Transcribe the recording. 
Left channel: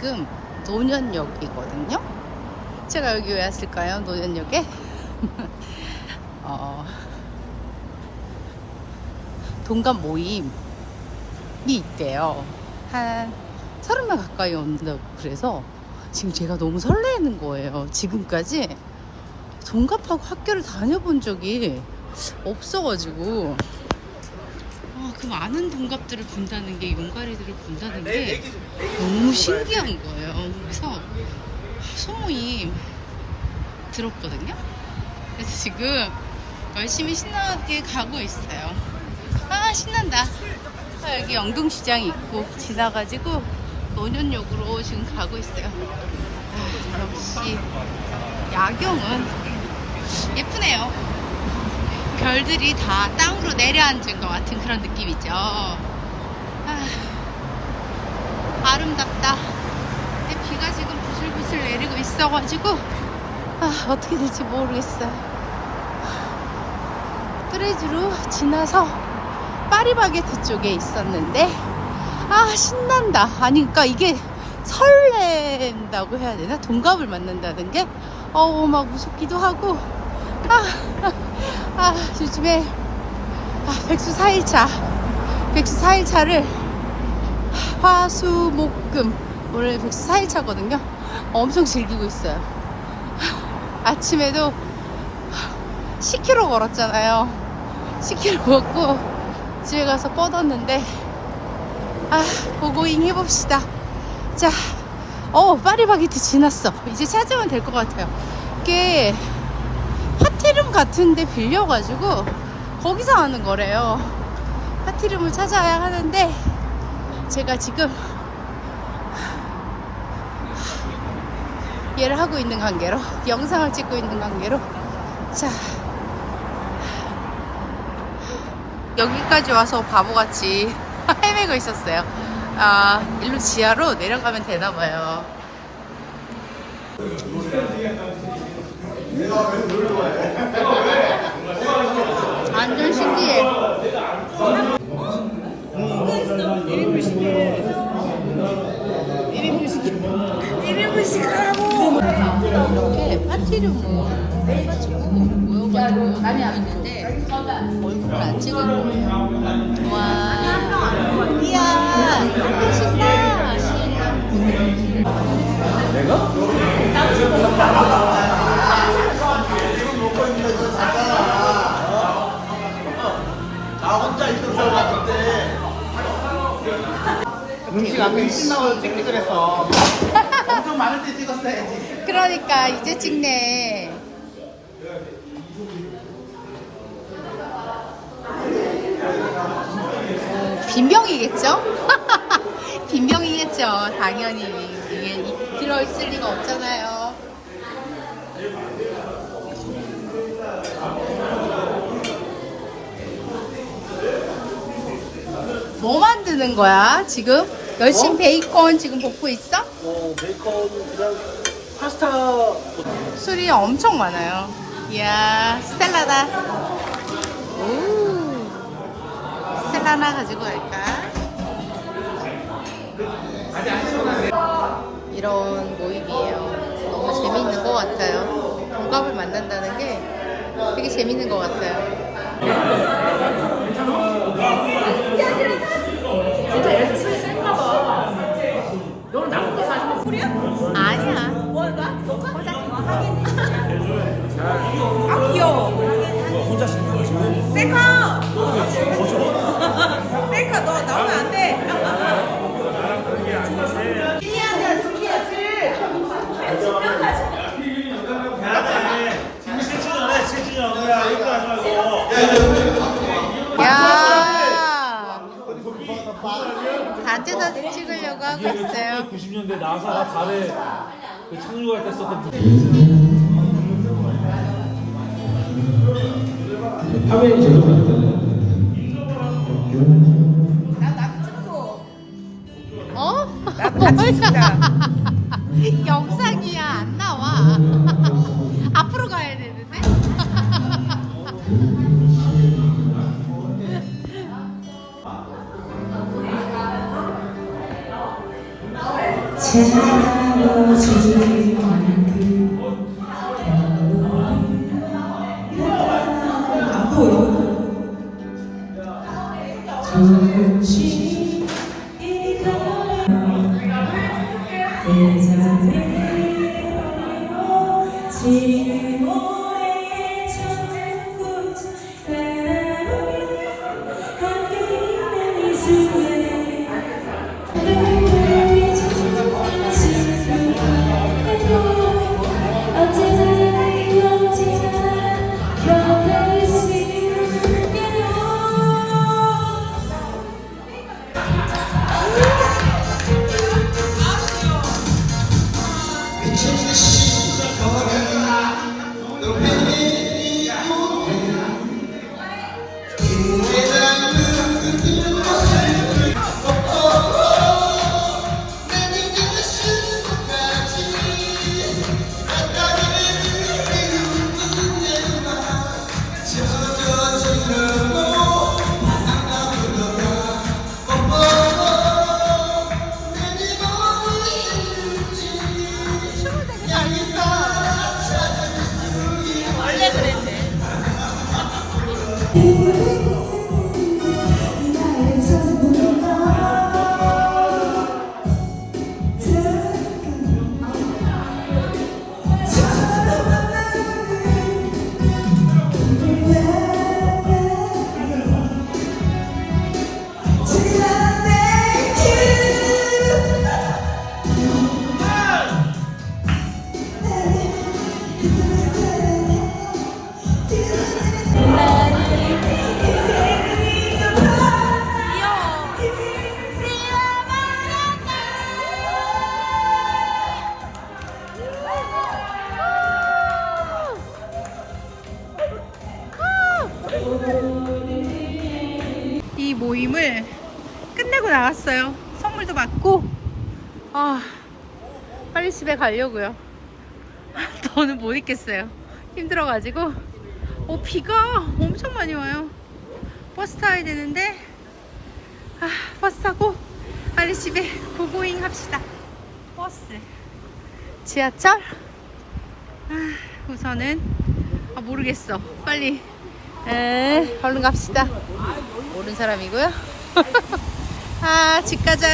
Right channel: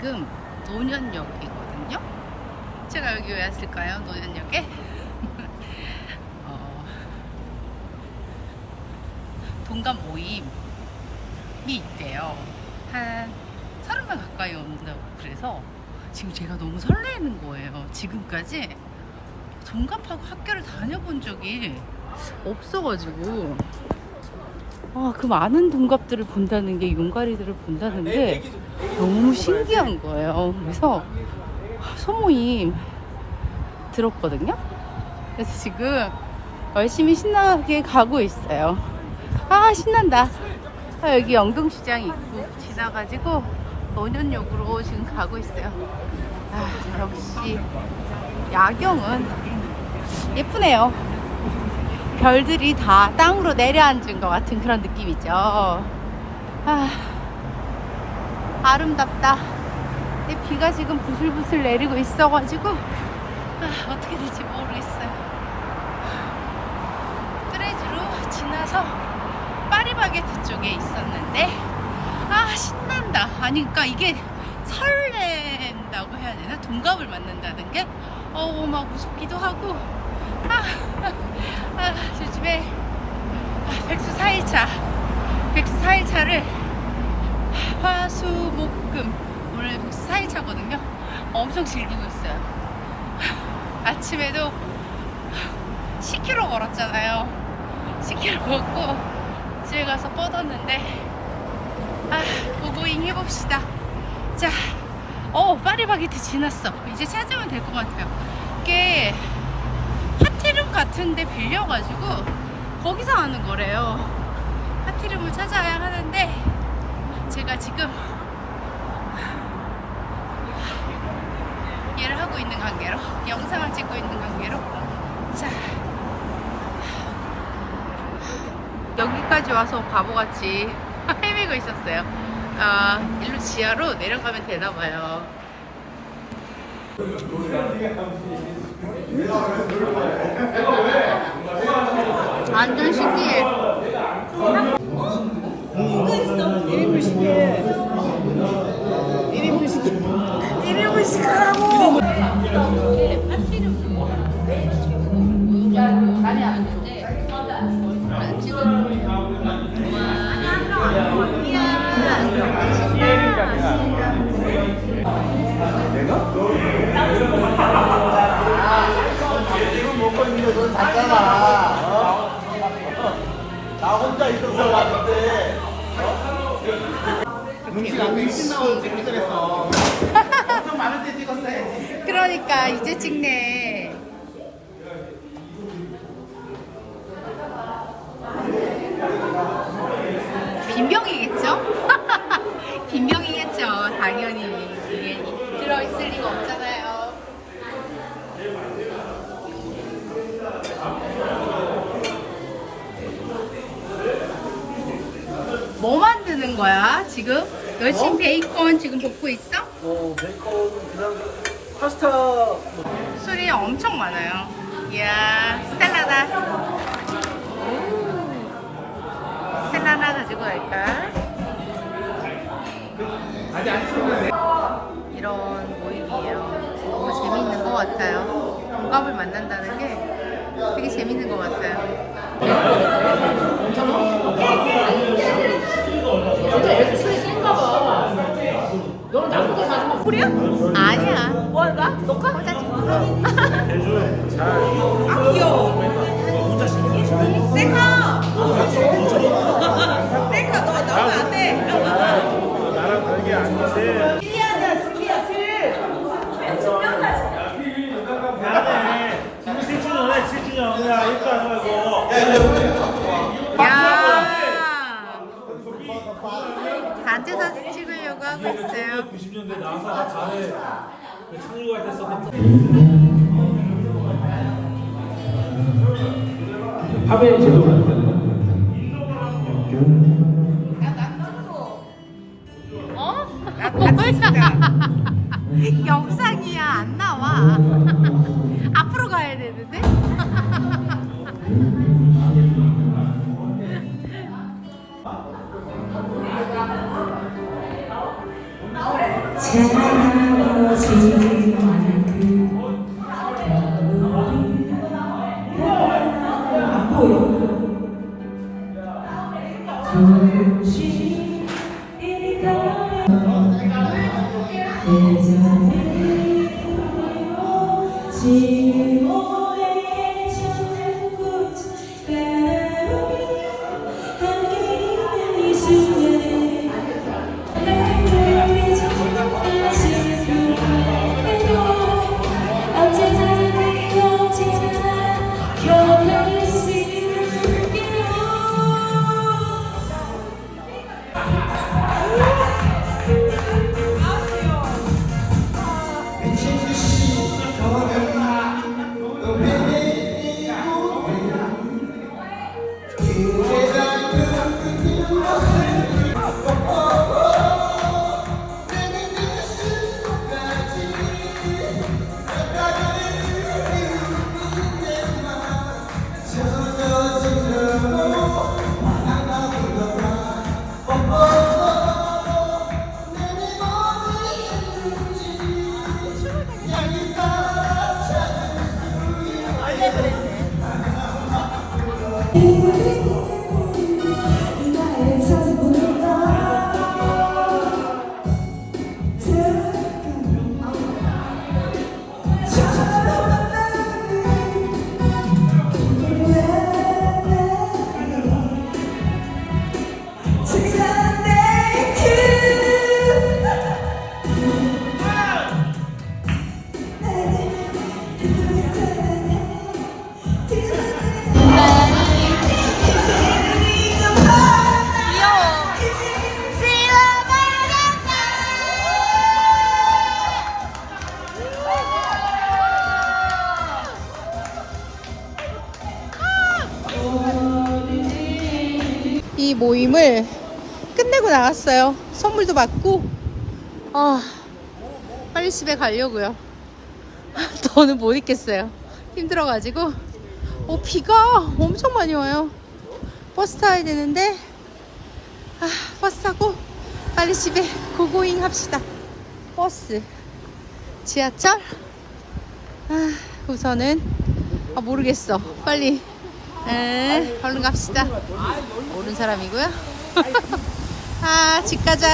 지금 노년역이거든요. 제가 여기 왜 왔을까요? 노년역에? 어, 동갑 모임이 있대요. 한 서른 명 가까이 온다고 그래서 지금 제가 너무 설레는 거예요. 지금까지 동갑하고 학교를 다녀본 적이 없어가지고 아, 그 많은 동갑들을 본다는 게 용가리들을 본다는 게 너무 신기한 거예요. 그래서 소모임 들었거든요. 그래서 지금 열심히 신나게 가고 있어요. 아 신난다. 아, 여기 영동시장 있고 지나가지고 노년역으로 지금 가고 있어요. 아, 역시 야경은 예쁘네요. 별들이 다 땅으로 내려앉은 것 같은 그런 느낌이죠. 아, 아름답다. 근데 비가 지금 부슬부슬 내리고 있어가지고 아, 어떻게 될지 모르겠어요. 뚜레즈로 지나서 파리바게트 쪽에 있었는데 아 신난다. 아니 그러니까 이게 설렌다고 해야 되나? 동갑을 만난다는 게 어우 막 무섭기도 하고 아, 아 요즘에 아, 백수 4일차. 백수 4일차를 화수 목금. 올해 백수 4일차거든요. 엄청 즐기고 있어요. 아침에도 10km 걸었잖아요. 10km 걷고 집에 가서 뻗었는데 아 고고잉 해봅시다. 자 어, 파리바게트 지났어. 이제 찾으면 될 것 같아요. 이게 파티룸 같은데 빌려가지고 거기서 하는 거래요. 파티룸을 찾아야 하는데 제가 지금 얘를 하고 있는 관계로 영상을 찍고 있는 관계로 자 여기까지 와서 바보같이 헤매고 있었어요. 아 일로 지하로 내려가면 되나 봐요. 완전 신기해. 1인분 시계 1인분 시계 1인분 시계라고. 이렇게 파티를 음식 안 20만 원 찍기 그래서 엄청 많은 데 찍었어야지. 그러니까 이제 찍네. 빈병이겠죠? 빈병이겠죠, 당연히. 이게 들어있을 리가 없잖아요. 뭐 만드는 거야, 지금? 열심히 뭐? 베이컨 지금 볶고 있어? 어 베이컨 그냥 파스타 뭐 술이 엄청 많아요. 이야, 스텔라다. 오, 스텔라 하나 가지고 갈까? 이런 모임이에요. 너무 재밌는 것 같아요. 동갑을 만난다는 게 되게 재밌는 것 같아요. 아니야. 뭐할까? 녹화? 혼자 찍는 거야. 아 귀여워 혼자 씻는 거지. 셀카 셀카 너 나오면 안돼 야 단체 사진 찍으려고 하고 있어요. 90년대 나사 달에 그 착륙할 때 썼던 제대로 안되 춤을 귀여 모임을 끝내고 나갔어요. 선물도 받고, 아, 빨리 집에 가려고요. 더는 못 있겠어요. 힘들어가지고. 어, 비가 엄청 많이 와요. 버스 타야 되는데, 아, 버스 타고 빨리 집에 고고잉 합시다. 버스, 지하철? 아, 우선은, 아, 모르겠어. 빨리, 에, 얼른 갑시다. 모르는 사람이고요. 아, 집 가자.